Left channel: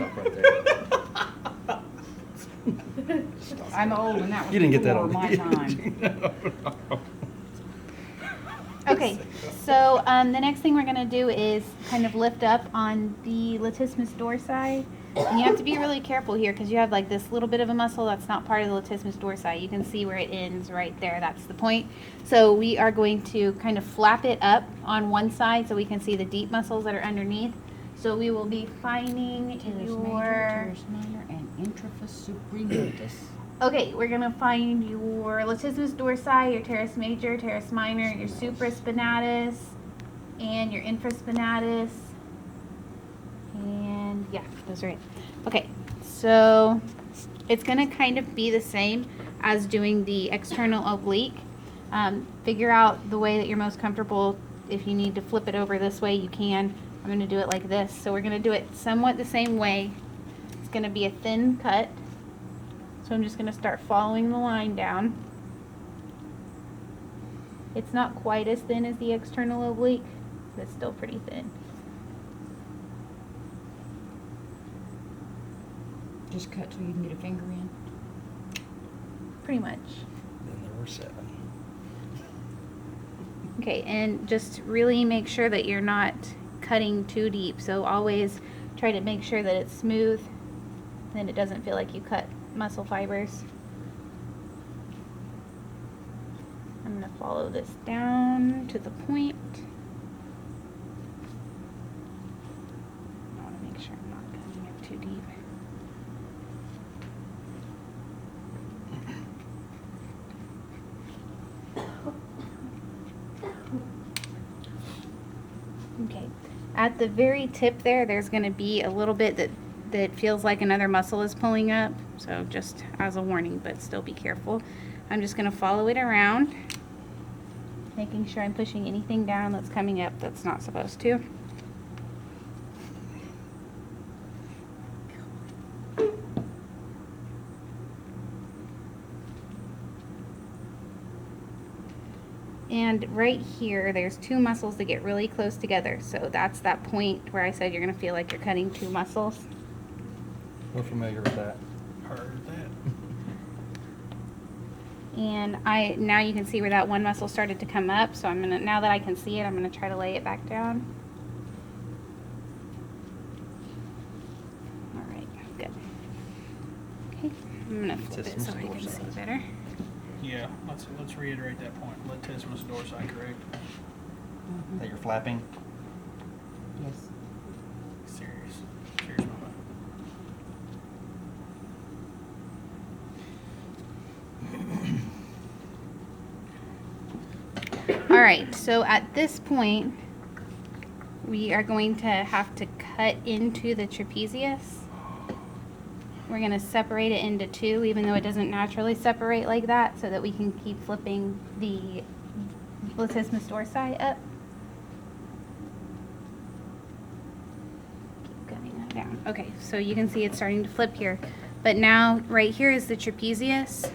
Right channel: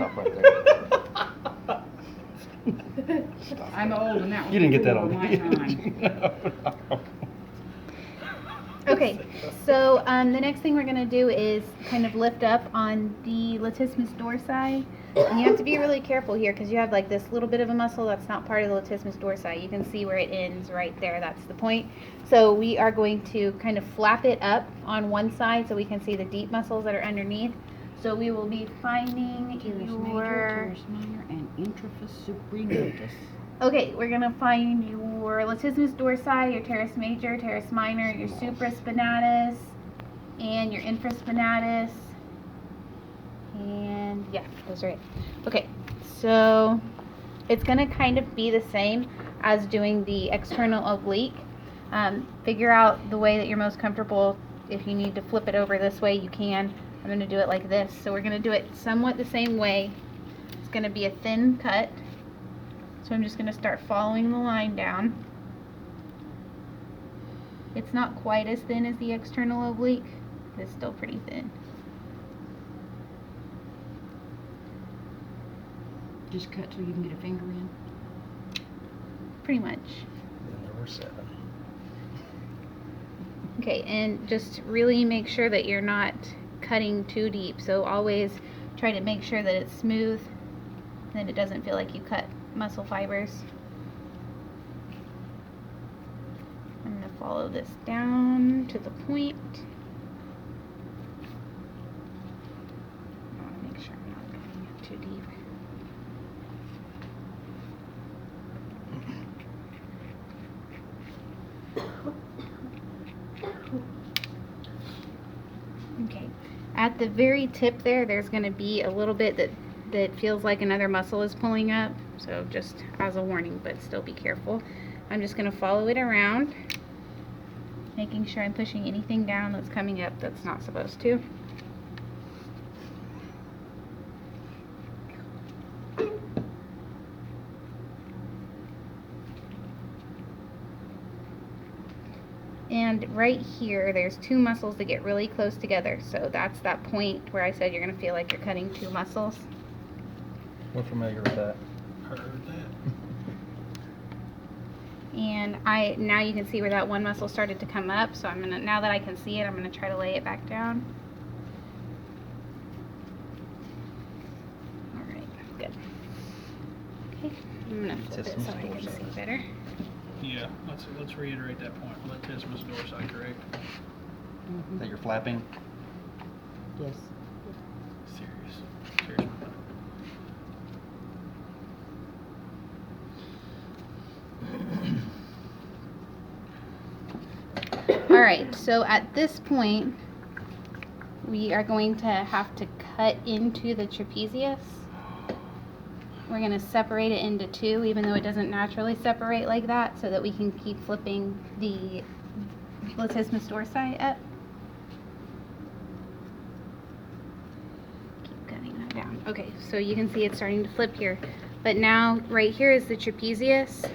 Stop right there. Stop I'm that. old and that was You didn't get that before on my time. No. Okay, so the next thing we're going to do is kind of lift up on the latissimus dorsi. And you have to be really careful here because you have like this little bit of a muscle that's not part of the latissimus dorsi. You can see where it ends right there. That's the point. So we are going to kind of flap it up on one side so we can see the deep muscles that are underneath. So we will be finding your... Teres minor, and intraphus supranutus. Okay, we're going to find your latissimus dorsi, your teres major, teres minor, your supraspinatus, and your infraspinatus. And yeah, those are it. Okay, so it's going to kind of be the same as doing the external oblique. Figure out the way that you're most comfortable. If you need to flip it over this way, you can. I'm going to do it like this. So we're going to do it somewhat the same way. It's going to be a thin cut. So I'm just going to start following the line down. It's not quite as thin as the external oblique, but it's still pretty thin. Just cut so you can get a finger in. Pretty much. Then there were 7. Okay, and just really make sure that you're not cutting too deep. So always try to make sure that it's smooth, then it doesn't feel like you cut muscle fibers. I'm going to follow this down to the point. I want to make sure I'm not cutting it too deep. Okay, at the very tip there's going to be a little bit that feels like another muscle is pulling up, so just as a warning, but still be careful. I'm just going to follow it around, making sure I'm pushing anything down that's coming up that's not supposed to. And right here, there's 2 muscles that get really close together. So that's that point where I said you're going to feel like you're cutting 2 muscles. We're familiar with that. Heard that. And now you can see where that one muscle started to come up. So I'm gonna, now that I can see it, I'm gonna try to lay it back down. All right, good. Okay, I'm gonna flip it so I can see better. Yeah, let's reiterate that point. Latissmus dorsi, correct? That you're flapping. Yes. Serious moment. All right, so at this point, we are going to have to cut into the trapezius. We're going to separate it into 2, even though it doesn't naturally separate like that, so that we can keep flipping the latissimus dorsi up. Keep cutting that down. Okay, so you can see it's starting to flip here. But now, right here is the trapezius.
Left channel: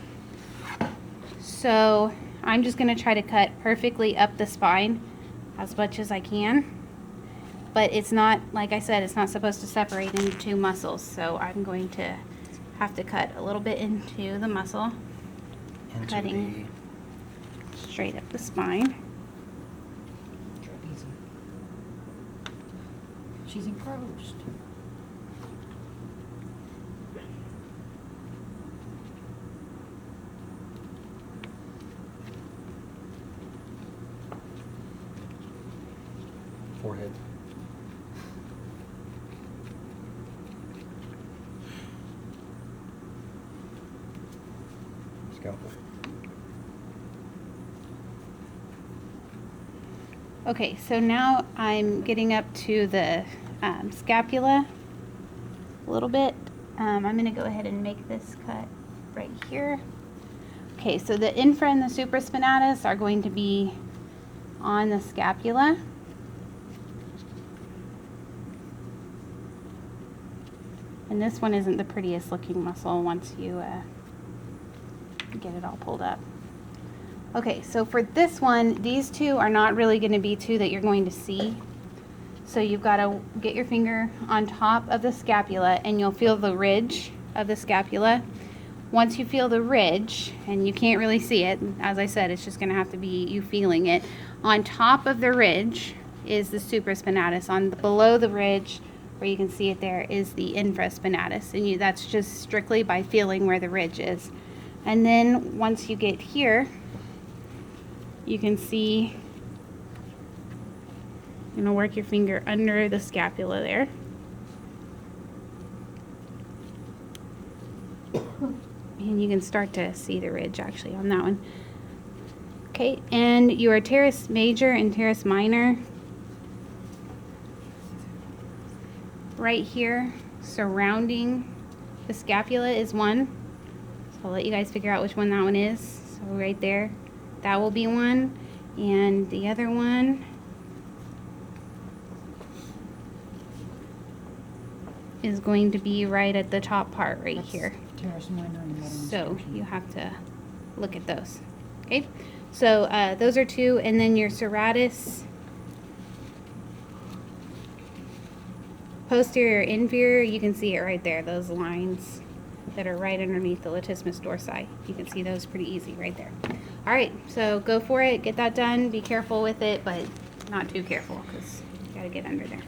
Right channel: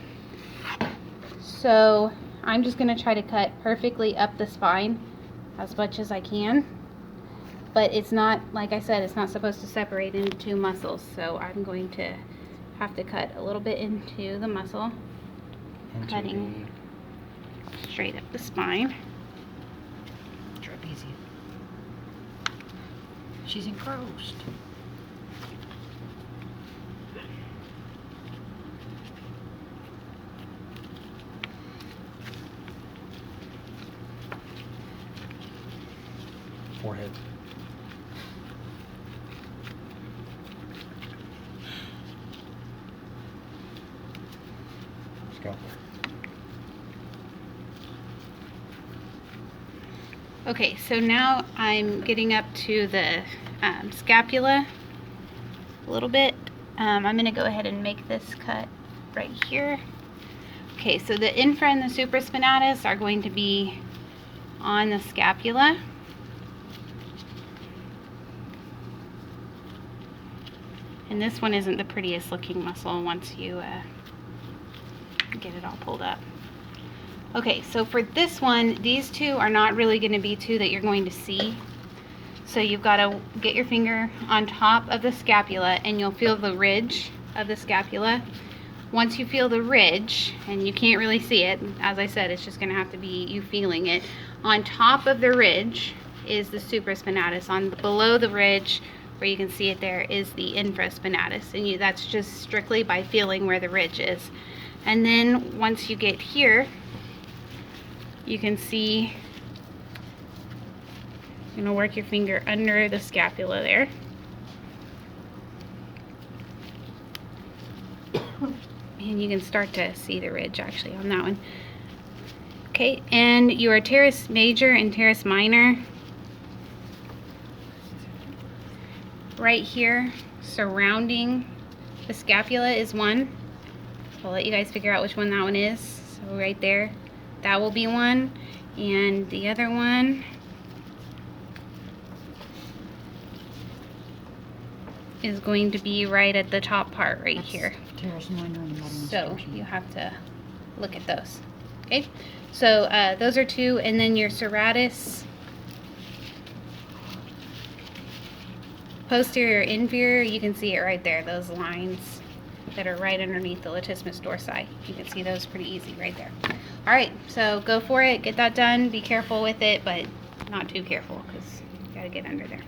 So I'm just going to try to cut perfectly up the spine as much as I can. But it's not, like I said, it's not supposed to separate into 2 muscles. So I'm going to have to cut a little bit into the muscle, cutting straight up the spine. Trapezium. She's engrossed. Forehead. Scalp. Okay, so now I'm getting up to the scapula a little bit. I'm going to go ahead and make this cut right here. Okay, so the infra and the supraspinatus are going to be on the scapula. And this one isn't the prettiest looking muscle once you get it all pulled up. Okay, so for this one, these 2 are not really going to be 2 that you're going to see. So you've got to get your finger on top of the scapula and you'll feel the ridge of the scapula. Once you feel the ridge, and you can't really see it, as I said, it's just going to have to be you feeling it. On top of the ridge is the supraspinatus. On below the ridge, where you can see it there, is the infraspinatus. And that's just strictly by feeling where the ridge is. And then once you get here, you can see, you're going to work your finger under the scapula there. And you can start to see the ridge actually on that one. Okay, and your teres major and teres minor, right here surrounding the scapula is one. So I'll let you guys figure out which one that one is. So right there, that will be one. And the other one is going to be right at the top part right here. Teres minor and the bottom So inscription. you have to look at those. Okay, so those are two, and then your serratus posterior inferior, you can see it right there, those lines that are right underneath the latissimus dorsi. You can see those pretty easy right there. All right, so go for it, get that done, be careful with it, but not too careful because you gotta get under there.